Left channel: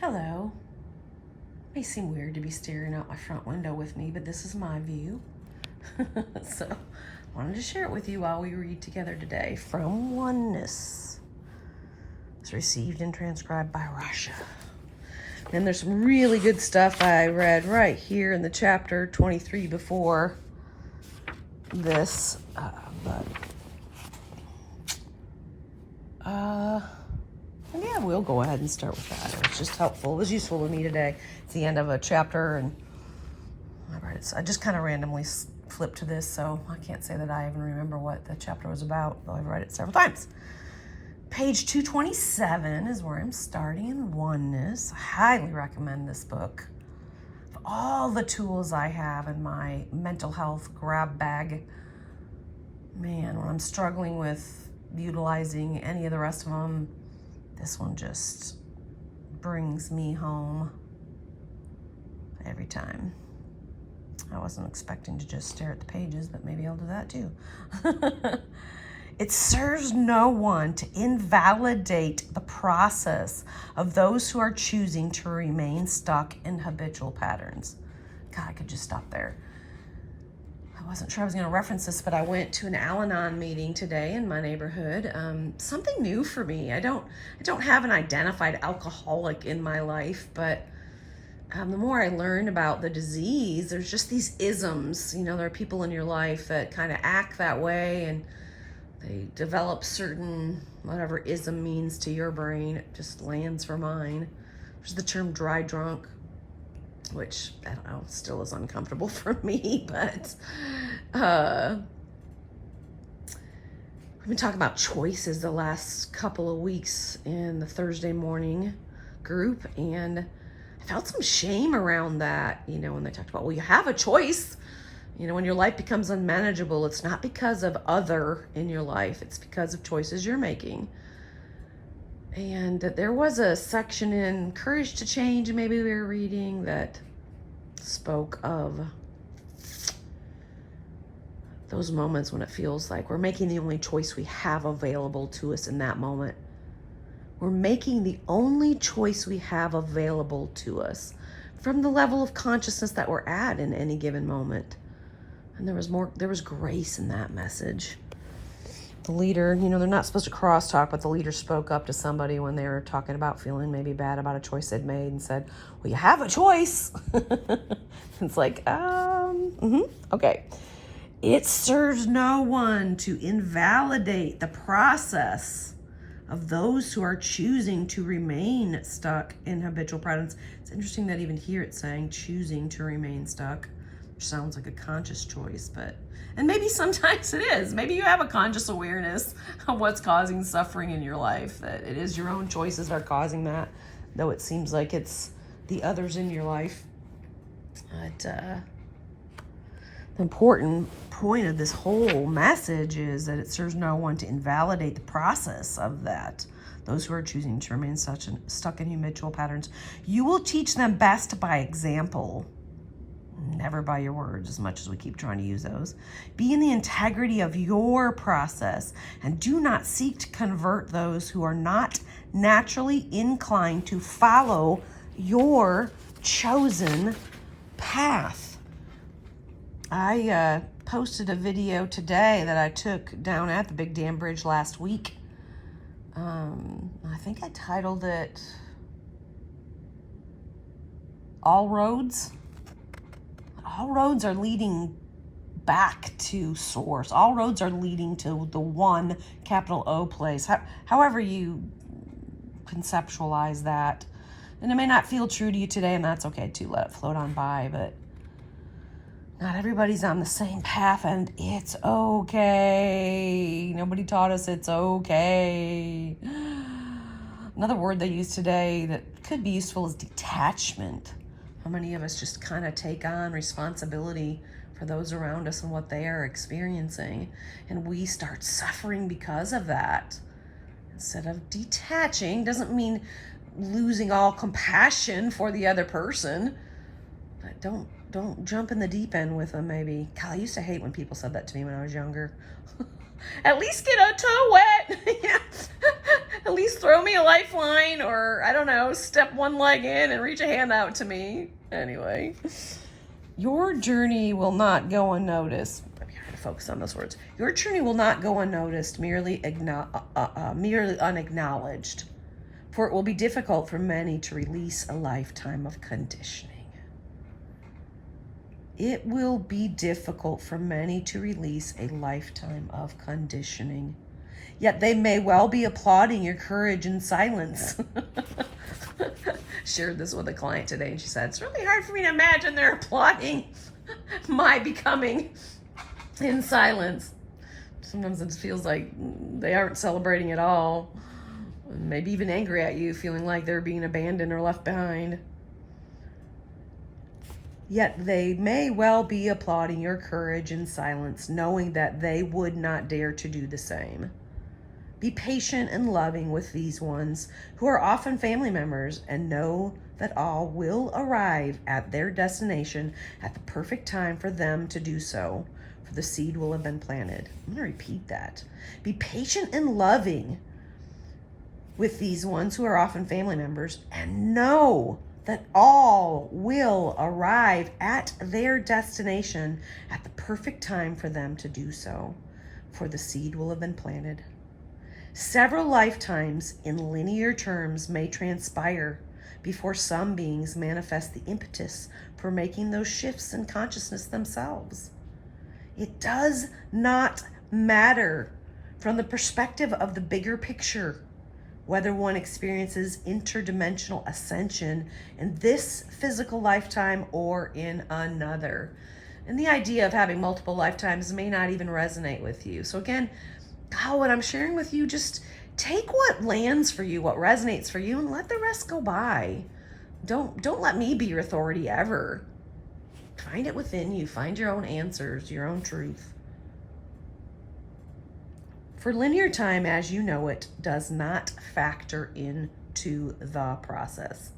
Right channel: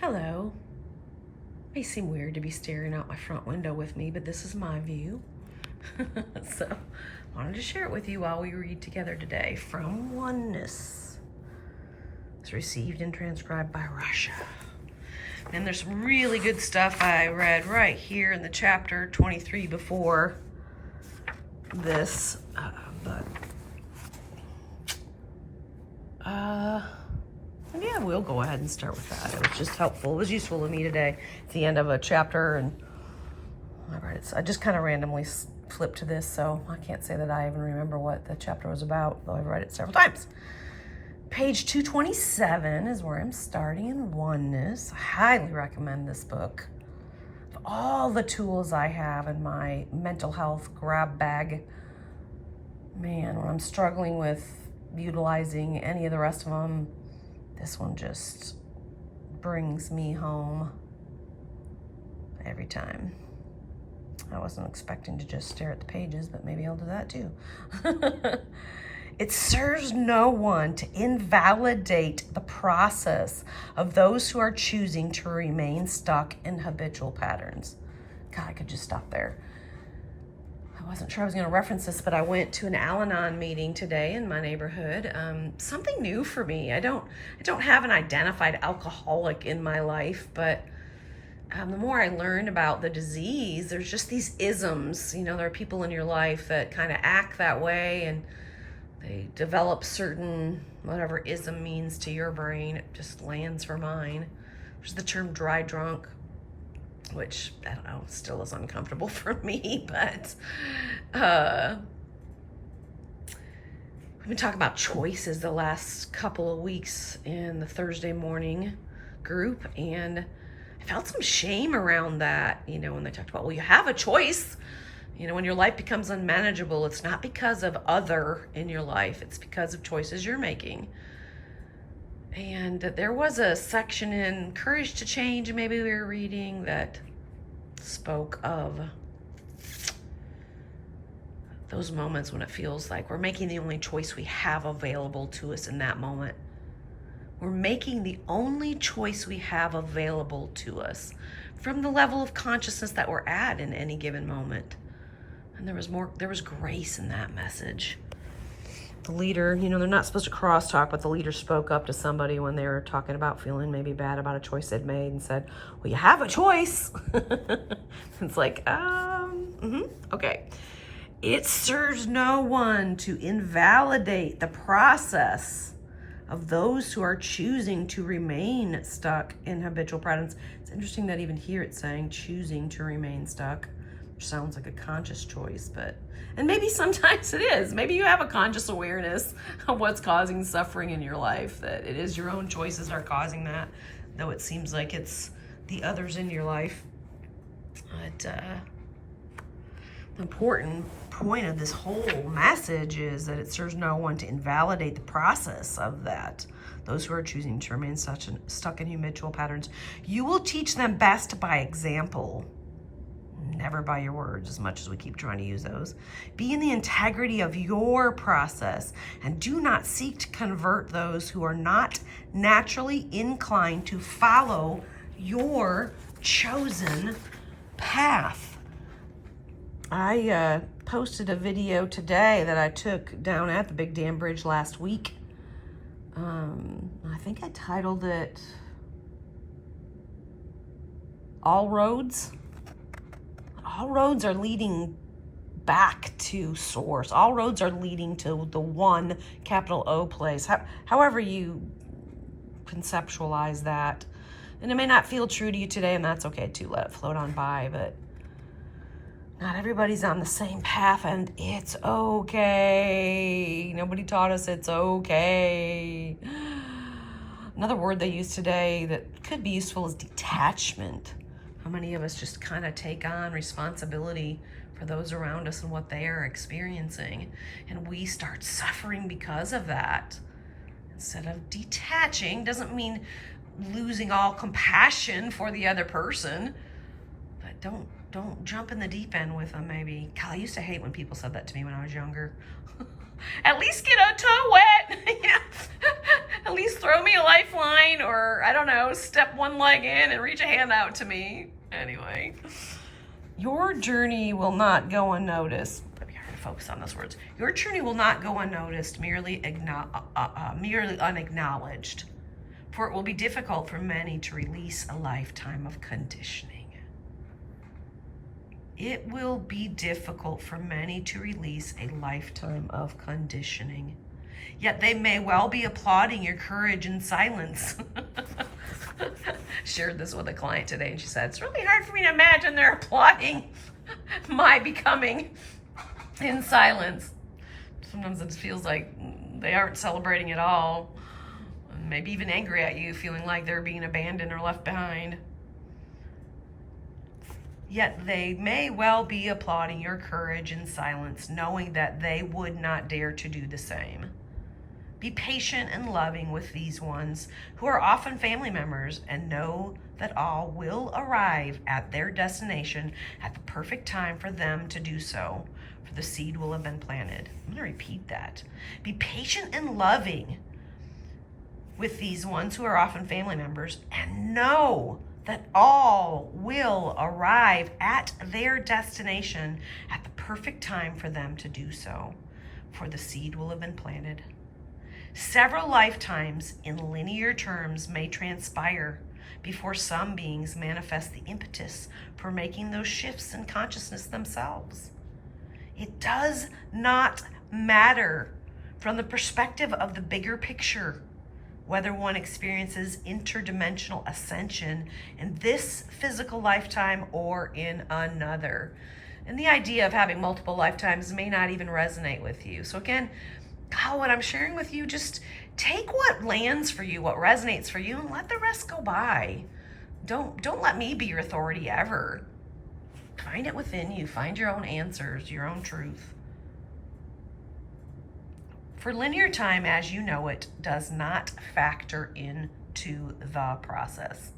Hello. May seem weird to be staring out my front window with me, but this is my view. So, I wanted to share it with you while we read together today from Oneness. It's received and transcribed by Rasha. And there's some really good stuff I read right here in the chapter 23 before this, yeah, we'll go ahead and start with that. It was just helpful. It was useful to me today. It's the end of a chapter, and I read it. So I just kind of randomly flipped to this, so I can't say that I even remember what the chapter was about, though I've read it several times. Page 227 is where I'm starting in Oneness. I highly recommend this book. Of all the tools I have in my mental health grab bag, man, when I'm struggling with utilizing any of the rest of them, this one just brings me home every time. I wasn't expecting to just stare at the pages, but maybe I'll do that too. It serves no one to invalidate the process of those who are choosing to remain stuck in habitual patterns. God, I could just stop there. I wasn't sure I was going to reference this, but I went to an Al-Anon meeting today in my neighborhood. Something new for me. I don't have an identified alcoholic in my life, but the more I learn about the disease, there's just these isms. You know, there are people in your life that kind of act that way, and they develop certain, whatever ism means to your brain. It just lands for mine. There's the term dry drunk, which, I don't know, still is uncomfortable for me, but we've been talking about choices the last couple of weeks in the Thursday morning group, and I felt some shame around that, you know, when they talked about, well, you have a choice. You know, when your life becomes unmanageable, it's not because of other in your life, it's because of choices you're making. And there was a section in Courage to Change, maybe we were reading, that spoke of those moments when it feels like we're making the only choice we have available to us in that moment. We're making the only choice we have available to us from the level of consciousness that we're at in any given moment. And there was grace in that message. The leader, you know, they're not supposed to crosstalk, but the leader spoke up to somebody when they were talking about feeling maybe bad about a choice they'd made and said, well, you have a choice. It's like, okay. It serves no one to invalidate the process of those who are choosing to remain stuck in habitual patterns. It's interesting that even here it's saying choosing to remain stuck, which sounds like a conscious choice, and maybe sometimes it is. Maybe you have a conscious awareness of what's causing suffering in your life, that it is your own choices that are causing that, though it seems like it's the others in your life. But the important point of this whole message is that it serves no one to invalidate the process of that. Those who are choosing to remain stuck in habitual patterns. You will teach them best by example, never by your words, as much as we keep trying to use those. Be in the integrity of your process, and do not seek to convert those who are not naturally inclined to follow your chosen path. I posted a video today that I took down at the Big Dam Bridge last week. I think I titled it All Roads. All roads are leading back to source. All roads are leading to the one, capital O place. However you conceptualize that. And it may not feel true to you today, and that's okay too. Let it float on by, but not everybody's on the same path, and it's okay. Nobody taught us it's okay. Another word they use today that could be useful is detachment. How many of us just kind of take on responsibility for those around us and what they are experiencing, and we start suffering because of that. Instead of detaching, doesn't mean losing all compassion for the other person, but don't jump in the deep end with them, maybe. God, I used to hate when people said that to me when I was younger. At least get a toe wet. At least throw me a lifeline, or I don't know, step one leg in and reach a hand out to me. Anyway, your journey will not go unnoticed. Maybe I gotta focus on those words. Your journey will not go unnoticed, merely unacknowledged. For it will be difficult for many to release a lifetime of conditioning. It will be difficult for many to release a lifetime of conditioning. Yet they may well be applauding your courage in silence. Shared this with a client today, and she said, it's really hard for me to imagine they're applauding my becoming in silence. Sometimes it feels like they aren't celebrating at all. Maybe even angry at you, feeling like they're being abandoned or left behind. Yet they may well be applauding your courage in silence, knowing that they would not dare to do the same. Be patient and loving with these ones who are often family members, and know that all will arrive at their destination at the perfect time for them to do so, for the seed will have been planted. I'm going to repeat that. Be patient and loving with these ones who are often family members, and know that all will arrive at their destination at the perfect time for them to do so, for the seed will have been planted. Several lifetimes in linear terms may transpire before some beings manifest the impetus for making those shifts in consciousness themselves. It does not matter from the perspective of the bigger picture whether one experiences interdimensional ascension in this physical lifetime or in another. And the idea of having multiple lifetimes may not even resonate with you. So again, what I'm sharing with you, just take what lands for you, what resonates for you, and let the rest go by. Don't let me be your authority ever. Find it within you. Find your own answers, your own truth. For linear time, as you know it, does not factor into the process.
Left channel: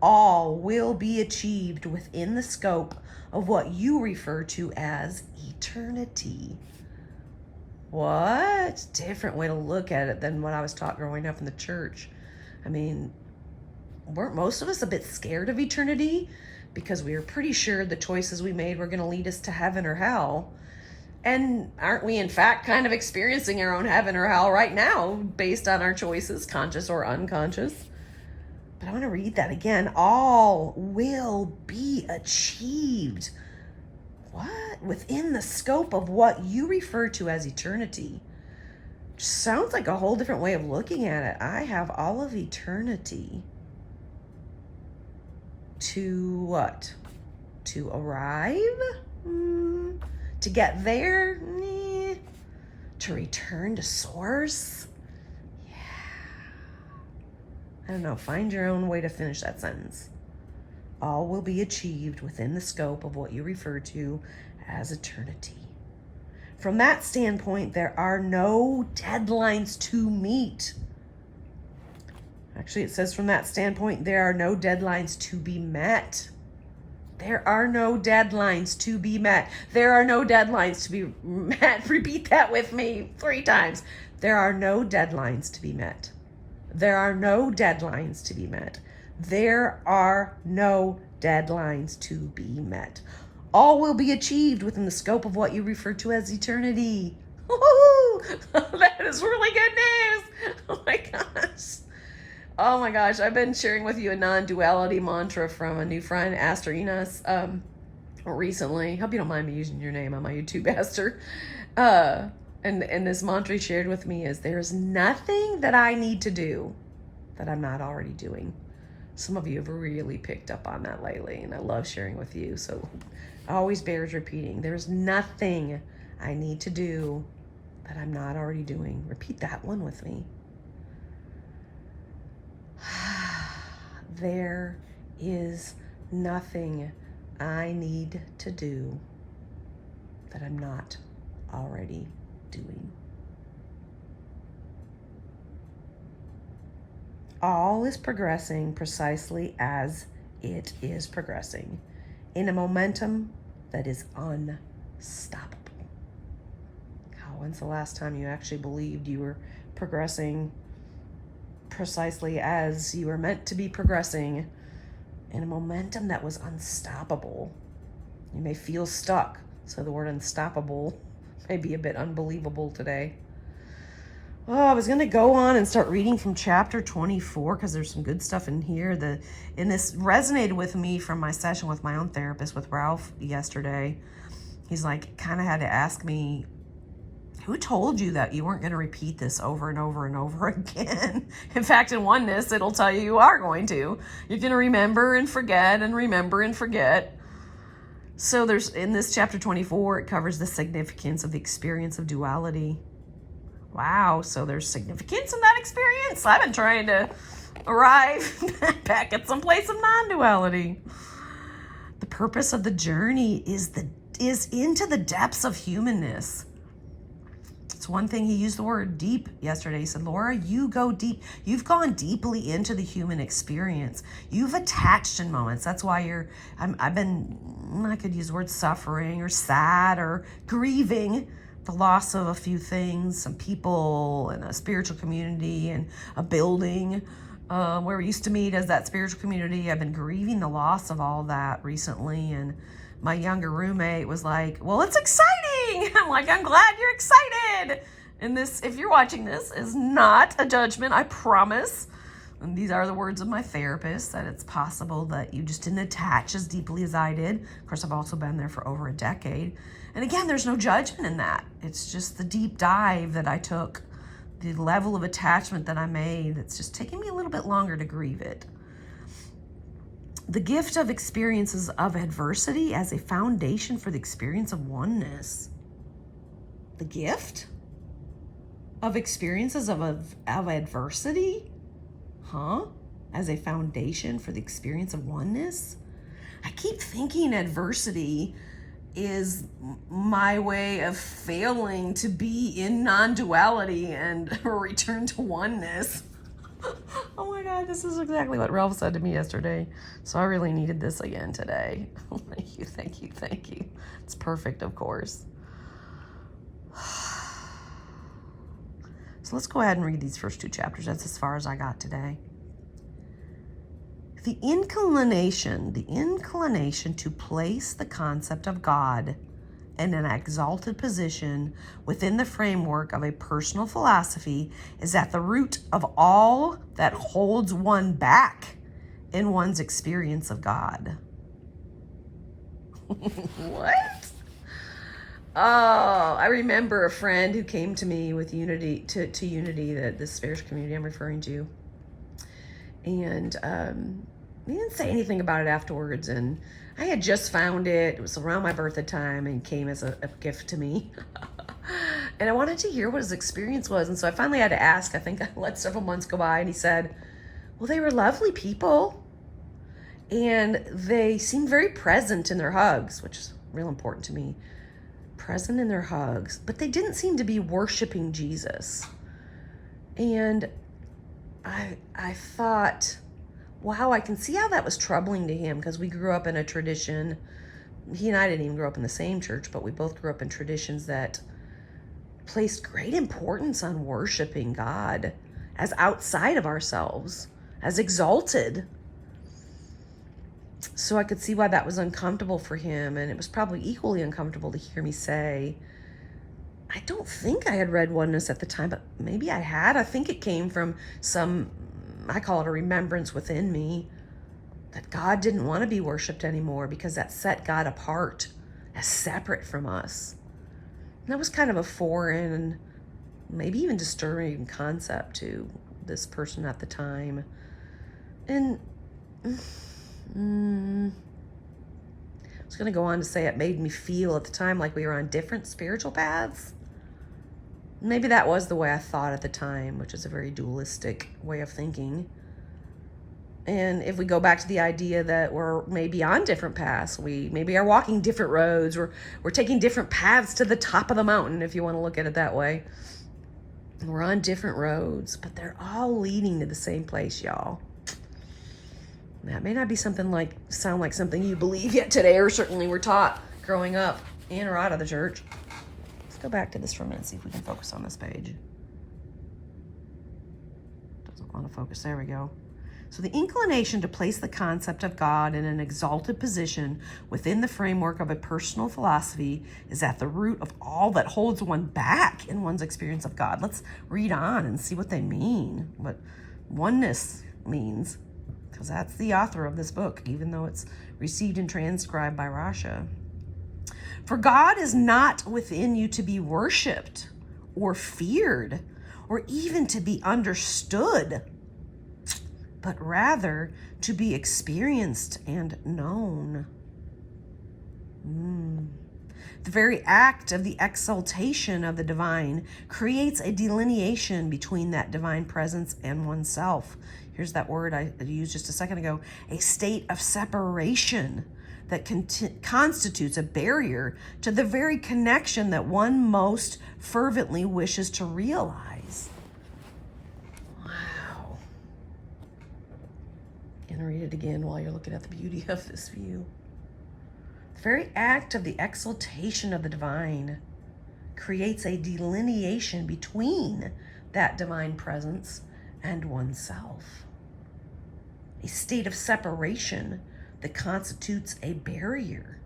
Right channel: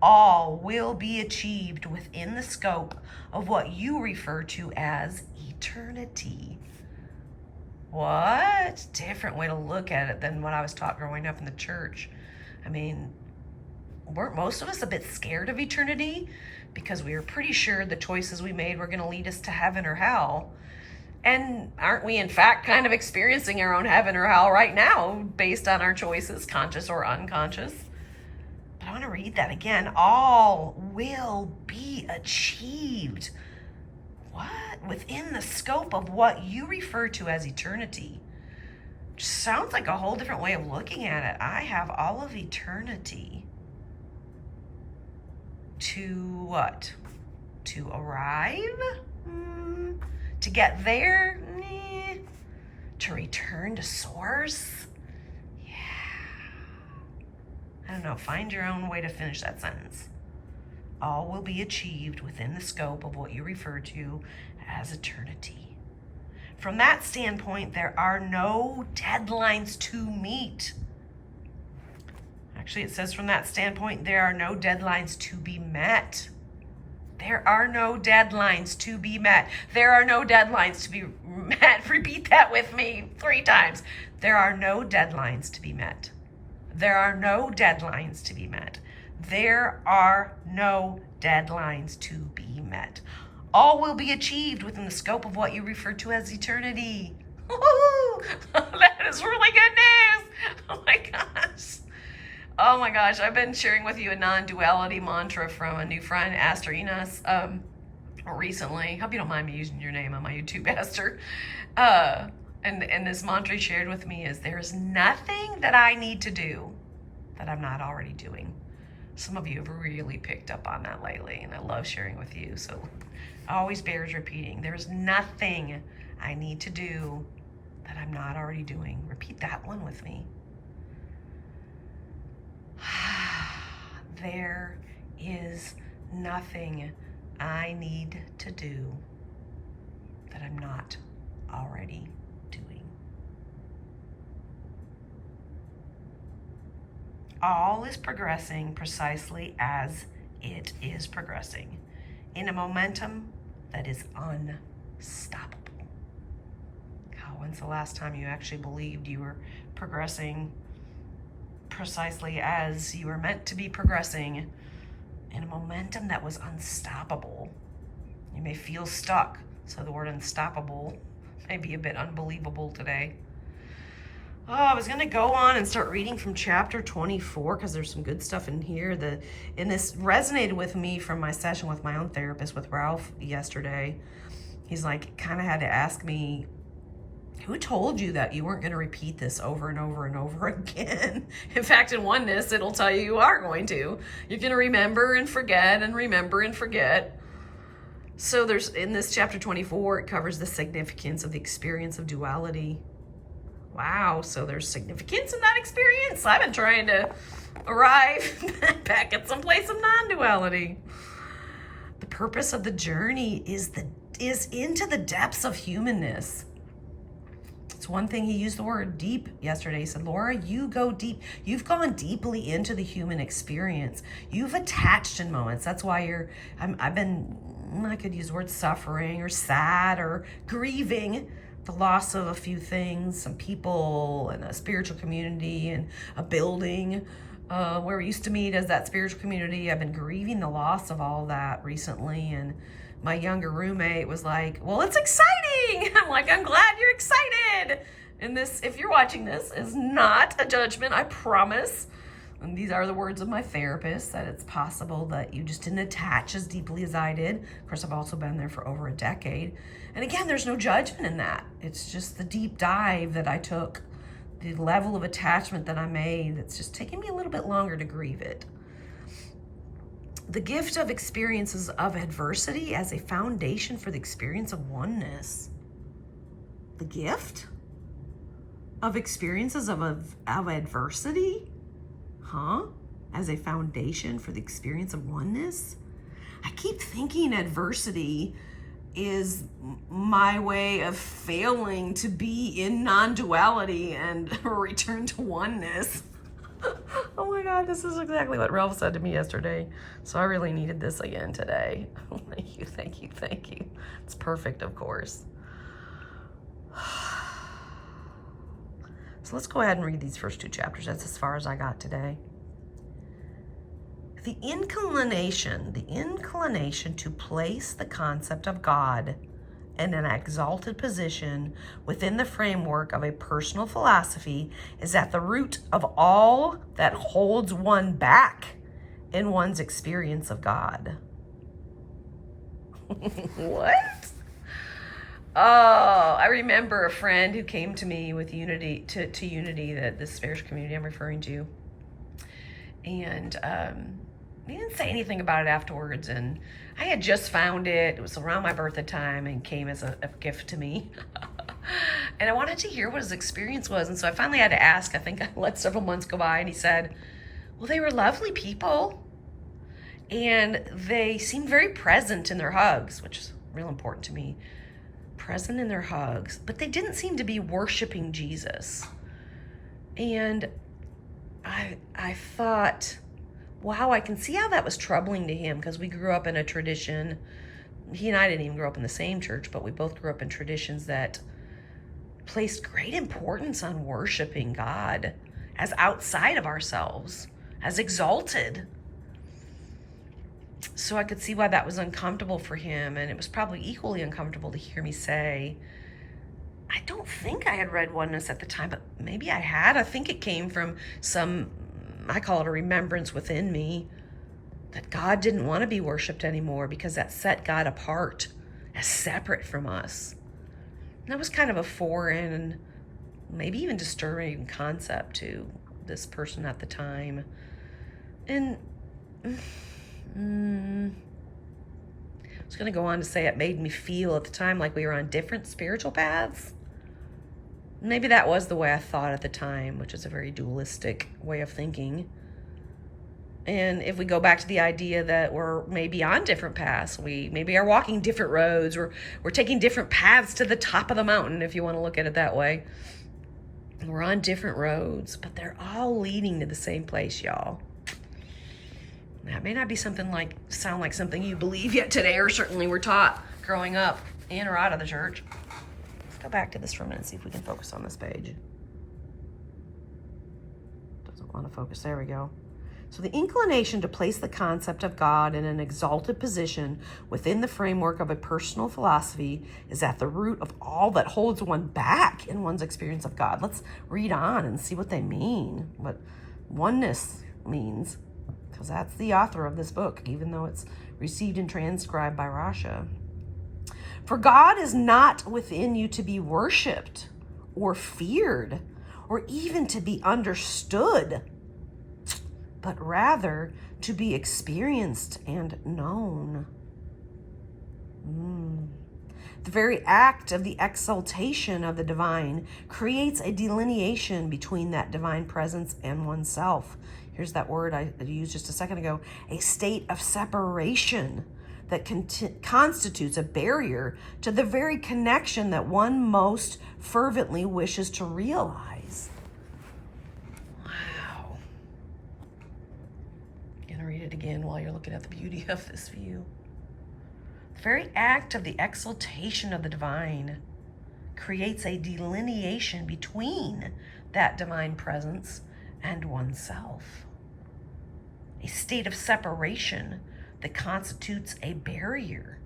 All will be achieved within the scope of what you refer to as eternity. What? Different way to look at it than what I was taught growing up in the church. I mean, weren't most of us a bit scared of eternity? Because we were pretty sure the choices we made were going to lead us to heaven or hell. And aren't we, in fact, kind of experiencing our own heaven or hell right now based on our choices, conscious or unconscious? But I want to read that again. All will be achieved. What? Within the scope of what you refer to as eternity. Sounds like a whole different way of looking at it. I have all of eternity to what? To arrive? To get there? To return to source? Yeah. I don't know. Find your own way to finish that sentence. All will be achieved within the scope of what you refer to as eternity. From that standpoint, there are no deadlines to meet. Actually, it says from that standpoint, there are no deadlines to be met. There are no deadlines to be met. There are no deadlines to be met. Repeat that with me 3 times. There are no deadlines to be met. There are no deadlines to be met. There are no deadlines to be met. All will be achieved within the scope of what you refer to as eternity. That is really good news. Oh my gosh. Oh my gosh, I've been sharing with you a non-duality mantra from a new friend, Aster Enos, recently. Hope you don't mind me using your name on my YouTube, Aster. And this mantra he shared with me is, there is nothing that I need to do that I'm not already doing. Some of you have really picked up on that lately, and I love sharing with you. So always bears repeating. There's nothing I need to do that I'm not already doing. Repeat that one with me. There is nothing I need to do that I'm not already doing. All is progressing precisely as it is progressing, in a momentum that is unstoppable. When's the last time you actually believed you were progressing precisely as you were meant to be progressing in a momentum that was unstoppable. You may feel stuck, so the word unstoppable may be a bit unbelievable today. Oh, I was going to go on and start reading from chapter 24 because there's some good stuff in here. And this resonated with me from my session with my own therapist, with Ralph, yesterday. He's like, kind of had to ask me, who told you that you weren't going to repeat this over and over and over again? In fact, in Oneness, it'll tell you you are going to. You're going to remember and forget and remember and forget. So there's, in this chapter 24, it covers the significance of the experience of duality. Wow, so there's significance in that experience? I've been trying to arrive back at some place of non-duality. The purpose of the journey is into the depths of humanness. It's one thing, he used the word deep yesterday. He said, Laura, you go deep. You've gone deeply into the human experience. You've attached in moments. That's why I could use the word suffering or sad or grieving the loss of a few things, some people and a spiritual community and a building where we used to meet as that spiritual community. I've been grieving the loss of all that recently, and my younger roommate was like, well, it's exciting. I'm like, I'm glad you're excited. And this, if you're watching this, is not a judgment, I promise. And these are the words of my therapist, that it's possible that you just didn't attach as deeply as I did. Of course, I've also been there for over a decade. And again, there's no judgment in that. It's just the deep dive that I took, the level of attachment that I made. It's just taking me a little bit longer to grieve it. The gift of experiences of adversity as a foundation for the experience of oneness. The gift of experiences of adversity? As a foundation for the experience of oneness? I keep thinking adversity is my way of failing to be in non-duality and return to oneness. Oh my God, this is exactly what Ralph said to me yesterday. So I really needed this again today. Thank you, thank you, thank you. It's perfect, of course. So let's go ahead and read these first two chapters. That's as far as I got today. The inclination to place the concept of God in an exalted position within the framework of a personal philosophy is at the root of all that holds one back in one's experience of God. What? Oh, I remember a friend who came to me with Unity, to Unity, that this spiritual community I'm referring to. And he didn't say anything about it afterwards. And I had just found it. It was around my birthday time and came as a gift to me. And I wanted to hear what his experience was. And so I finally had to ask. I think I let several months go by, and he said, well, they were lovely people. And they seemed very present in their hugs, which is real important to me. Present in their hugs. But they didn't seem to be worshiping Jesus. And I thought, wow, I can see how that was troubling to him, because we grew up in a tradition. He and I didn't even grow up in the same church, but we both grew up in traditions that placed great importance on worshiping God as outside of ourselves, as exalted. So I could see why that was uncomfortable for him, and it was probably equally uncomfortable to hear me say, I don't think I had read Oneness at the time, but maybe I had. I think it came from some, I call it a remembrance within me, that God didn't want to be worshiped anymore because that set God apart as separate from us. And that was kind of a foreign, maybe even disturbing concept to this person at the time. And I was going to go on to say it made me feel at the time like we were on different spiritual paths. Maybe that was the way I thought at the time, which is a very dualistic way of thinking. And if we go back to the idea that we're maybe on different paths, we maybe are walking different roads, or we're taking different paths to the top of the mountain, if you want to look at it that way. We're on different roads, but they're all leading to the same place, y'all. That may not be sound like something you believe yet today, or certainly were taught growing up in or out of the church. Let's go back to this for a minute, see if we can focus on this page. Doesn't want to focus. There we go. So the inclination to place the concept of God in an exalted position within the framework of a personal philosophy is at the root of all that holds one back in one's experience of God. Let's read on and see what they mean, what oneness means, because that's the author of this book, even though it's received and transcribed by Rasha. For God is not within you to be worshipped or feared or even to be understood, but rather to be experienced and known. The very act of the exaltation of the divine creates a delineation between that divine presence and oneself. Here's that word I used just a second ago, a state of separation that constitutes a barrier to the very connection that one most fervently wishes to realize. Wow. I'm going to read it again while you're looking at the beauty of this view. The very act of the exaltation of the divine creates a delineation between that divine presence and oneself. A state of separation that constitutes a barrier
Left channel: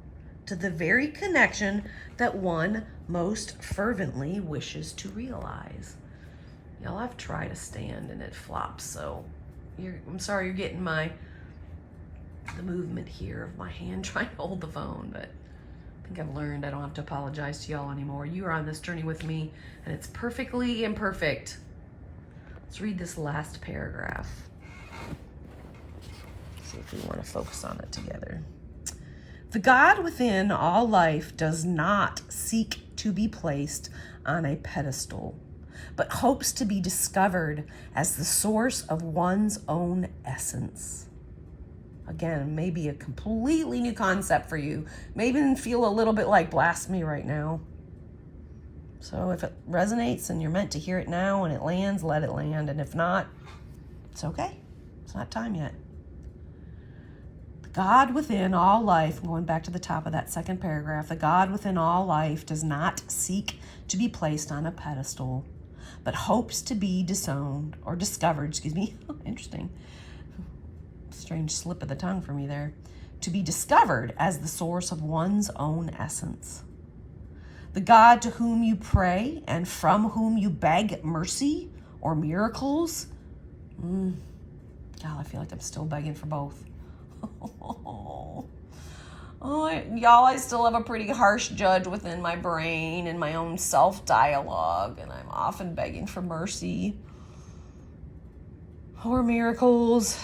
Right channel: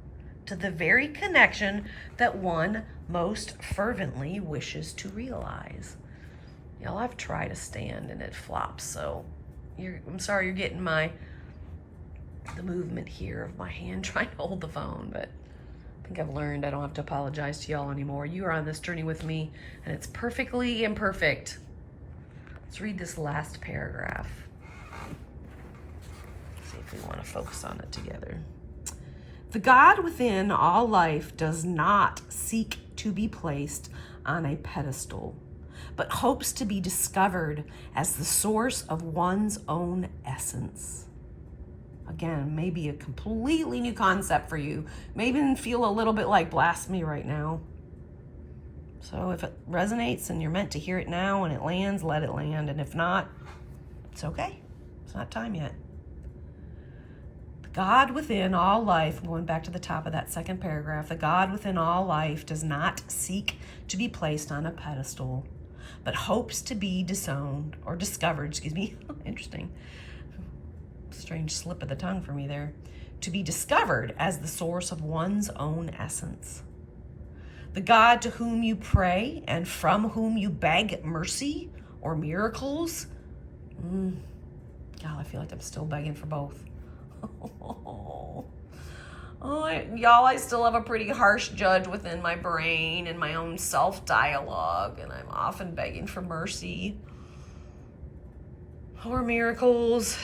to the very connection that one most fervently wishes to realize. Y'all, I've tried to stand and it flops, so I'm sorry you're getting the movement here of my hand trying to hold the phone, but I think I've learned I don't have to apologize to y'all anymore. You are on this journey with me, and it's perfectly imperfect. Let's read this last paragraph. See if we want to focus on it together. The God within all life does not seek to be placed on a pedestal, but hopes to be discovered as the source of one's own essence. Again, maybe a completely new concept for you. Maybe feel a little bit like blasphemy right now. So if it resonates and you're meant to hear it now and it lands, let it land. And if not, it's okay. It's not time yet. The God within all life, going back to the top of that second paragraph, the God within all life does not seek to be placed on a pedestal, but hopes to be discovered. Interesting. Strange slip of the tongue for me there. To be discovered as the source of one's own essence. The God to whom you pray and from whom you beg mercy or miracles. God, I feel like I'm still begging for both. Y'all, I still have a pretty harsh judge within my brain and my own self-dialogue, and I'm often begging for mercy or miracles.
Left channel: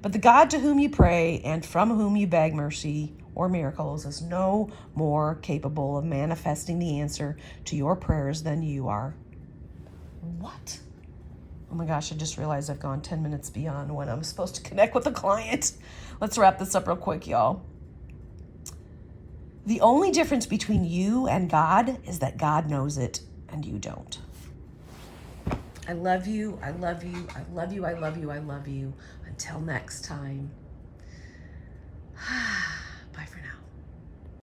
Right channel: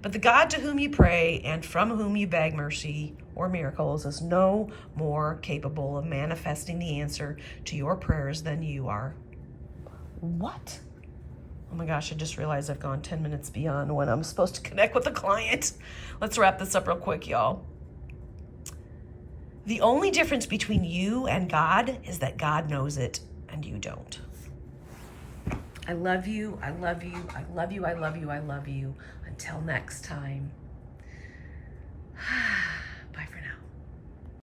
But the God to whom you pray and from whom you beg mercy or miracles is no more capable of manifesting the answer to your prayers than you are. What? Oh my gosh, I just realized I've gone 10 minutes beyond when I'm supposed to connect with a client. Let's wrap this up real quick, y'all. The only difference between you and God is that God knows it and you don't. I love you. I love you. I love you. I love you. I love you. Until next time.